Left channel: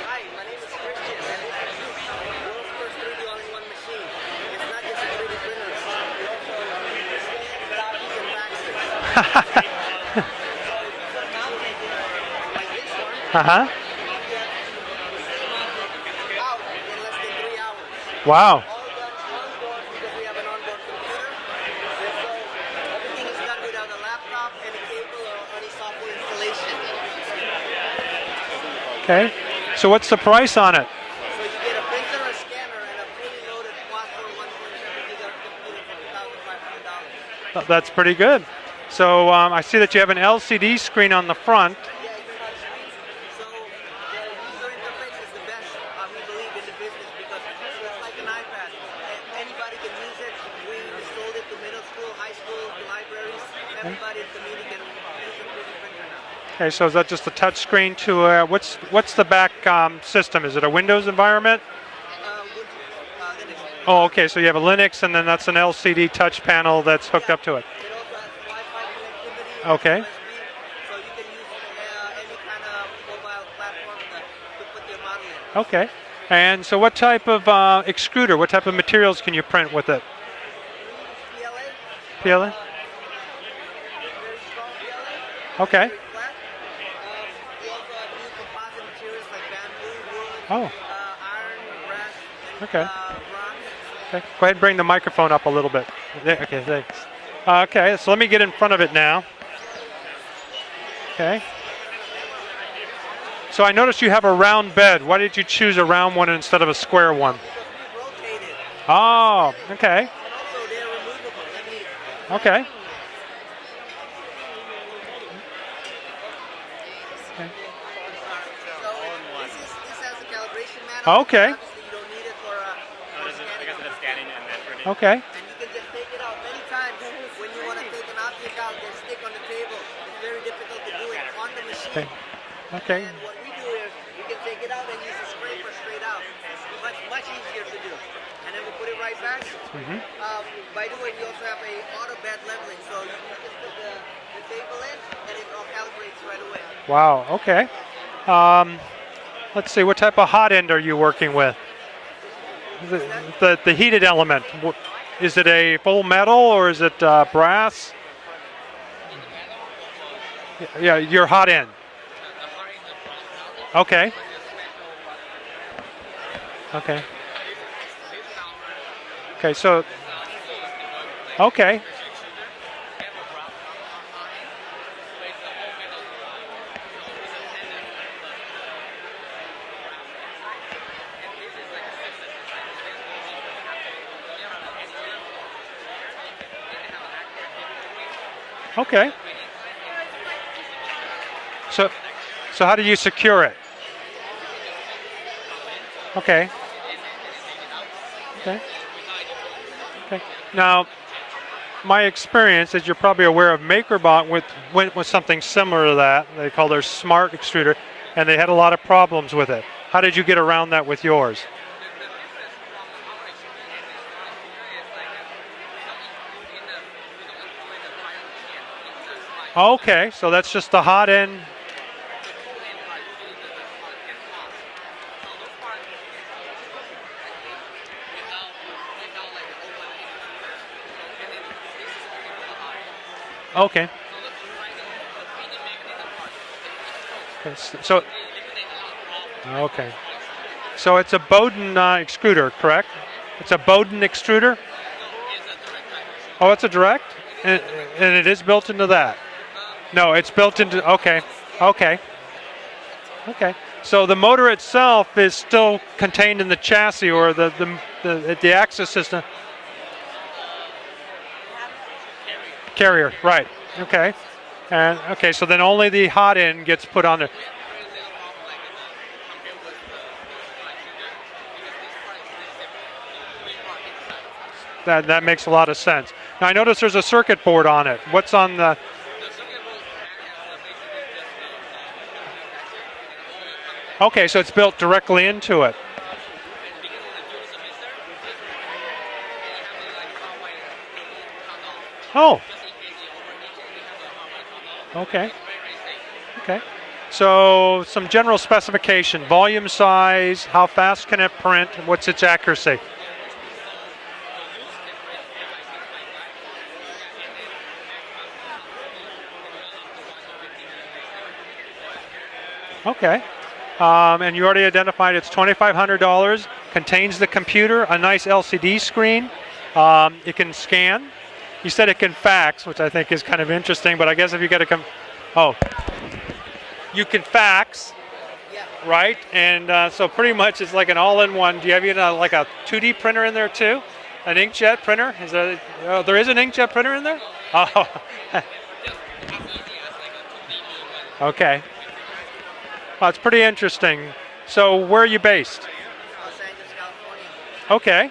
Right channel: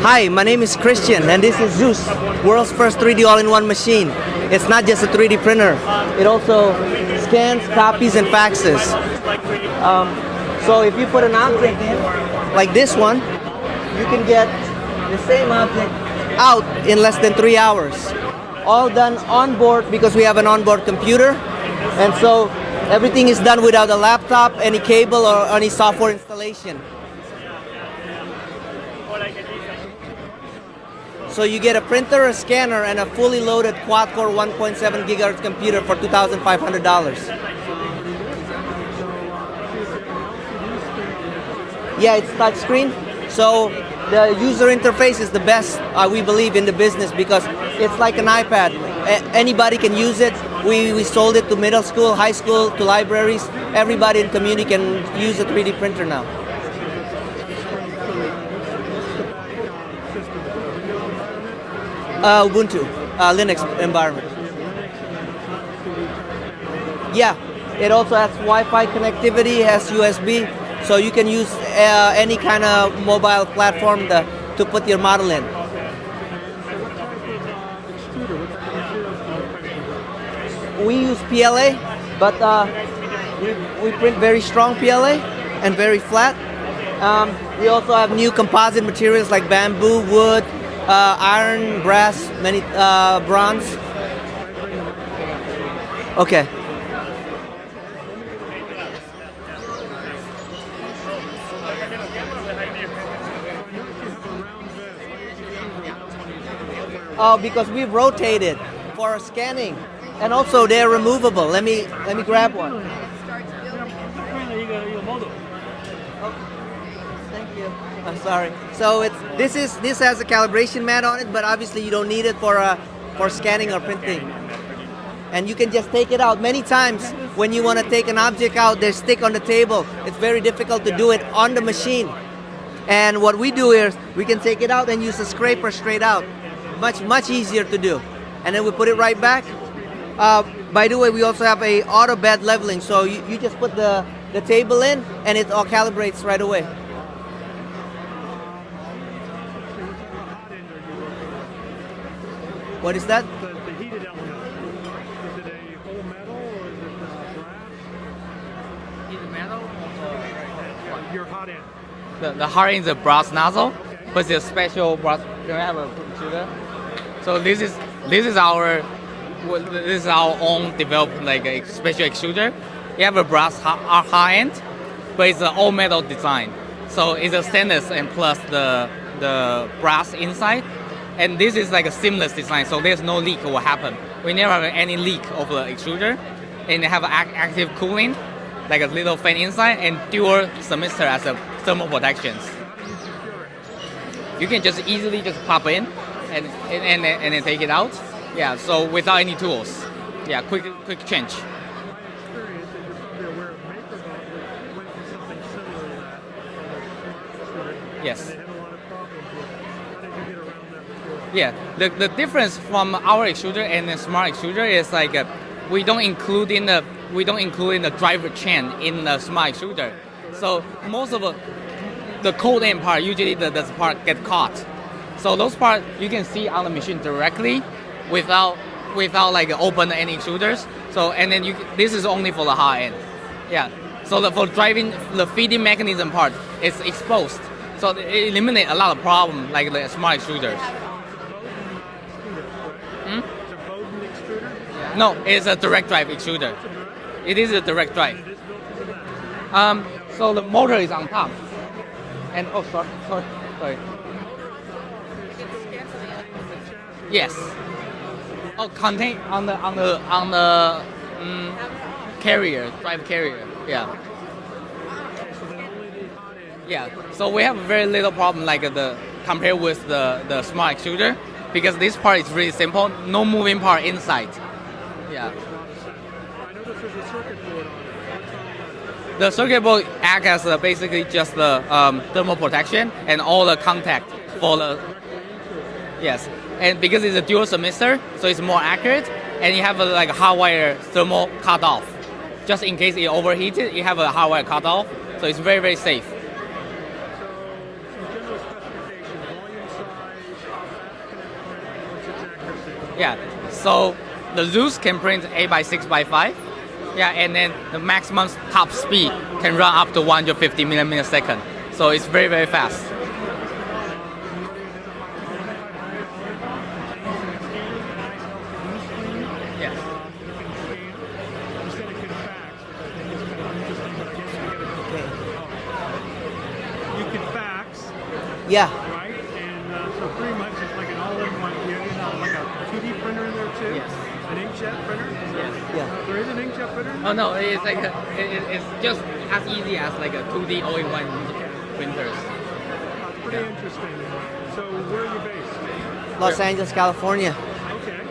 Hi, my name is Christian, and this is Zeus, world's first 3D all-in-one machine. It's not just a 3D printer. It also scans, copies, and faxes. So if you put an object in, like this one, you can get the same object out in less than 3 hours. Wow. All done on board because we have an onboard computer. And so everything is done without a laptop, any cable, or any software installation. Okay. So what's the price on it? So you get a printer, a scanner, and a fully loaded quad-core 1.7 gigahertz computer for $2,500. That's pretty good. So I see that you have an LCD screen on the front. Yeah, it's touch screen. So the user interface is the best, we believe, in the business because it's like an iPad. Anybody can use it. We sold it to middle school, high school, to libraries. Everybody in the community can use a 3D printer now. Okay, so is that just a touch screen to, what's the back system? Is it a Windows environment? Ubuntu, Linux environment. Oh, okay, so you have a Linux and then that's an LCD touch panel that's hooked up to it. It also has Wi-Fi connectivity, has USB, so you can use any kind of mobile platform to put your model in. Okay, and so what type of extruder, what type of materials can you print with it? We use PLA, but we print very strong PLA and very flat. We also have new composite materials like bamboo, wood, iron, brass, bronze. Go ahead and bring the microphone up a little bit. Okay. Okay, so let me get in front of it now. Okay. So I noticed you have a round bed. Why did you choose a round one instead of a square one? Oh, because we rotated for our scanning. Okay. And also they're removable. Let me grab one. I'm sorry. So this has a calibration mat on it, but obviously you don't need it for scanning or printing. Okay. And you can just take it out. Many times when you want to take an object out, they stick on the table. It's very difficult to do it on the machine. And what we do is we can take it out and use a scraper straight out. Much easier to do. And then we put it right back. By the way, we also have a auto bed leveling, so you just put the table in and it all calibrates right away. Wow, okay. Let's see, what type of hot end are you working with? What is that? The heated element. Is it a full metal or is it brass? Yeah, your hot end. The hot end is a brass nozzle. Okay. But it's a special brass. Can I have a computer? Okay. So this is our. Okay, so this is our own developed a special extruder. We have a brass hot end, but it's an all metal design. So it's a stainless and plus the brass inside. And this is like a seamless design, so there's no leak will happen. We never have any leak of the extruder. And they have active cooling, like a little fan inside, and dual semester as a thermal protection. So how do you secure it? You can just easily just pop in. Okay. And then take it out. Yeah, so without any tools. Yeah, quick change. My experience is you're probably aware of MakerBot went with something similar to that. They call their smart extruder, and they had a lot of problems with it. How did you get around that with yours? Yeah, the difference from our extruder and the smart extruder is like we don't include in the driver chain in the smart extruder. Okay, so that's just the hot end. The cold end part, usually the part get caught. So those parts you can see on the machine directly without like open any extruders. So and then this is only for the hot end. Yeah. Okay. So for driving the feeding mechanism part, it's exposed. So it eliminates a lot of problems like the smart extruders. So it's a Bowden extruder, correct? It's a Bowden extruder? No, it's a direct drive extruder. Oh, it's a direct? It is a direct drive. And it is built into that? No, it's so built into. Okay. And sorry. Okay. So the motor itself is still contained in the chassis or the axis system. On the carrier. Carrier, right? Yeah. Okay. And so then only the hot end gets put on. So we have very little problem like compared with the smart extruder because this part is really simple. No moving part inside. That makes a lot of sense. Now I notice there's a circuit board on it. What's on the? The circuit board acts as basically just the thermal protection and all the contact. Okay, so it's built directly into it. Yes, and because it's a dual semester, so it's more accurate, and you have like a hot wire thermal cutoff. Oh. Just in case it overheated, you have a hot wire cutoff. Okay. So it's very, very safe. Okay. So some general specification, volume size, how fast can it print, what's its accuracy? Yeah, so the Zeus can print 8x6x5. Yeah, and then the maximum top speed can run up to 150 millimeters per second. So it's very, very fast. Okay. And you already identified it's $2,500, contains the computer, a nice LCD screen. Yeah. It can scan. You said it can fax, which I think is kind of interesting, but I guess if you get a you can fax. Yeah. Right? And so pretty much it's like an all-in-one. Do you have like a 2D printer in there too? An inkjet printer? Is there, there is an inkjet printer in there? No, it's, like it's just as easy as like a 2D all-in-one printers. It's pretty interesting. So where are you based? Los Angeles, California. Okay.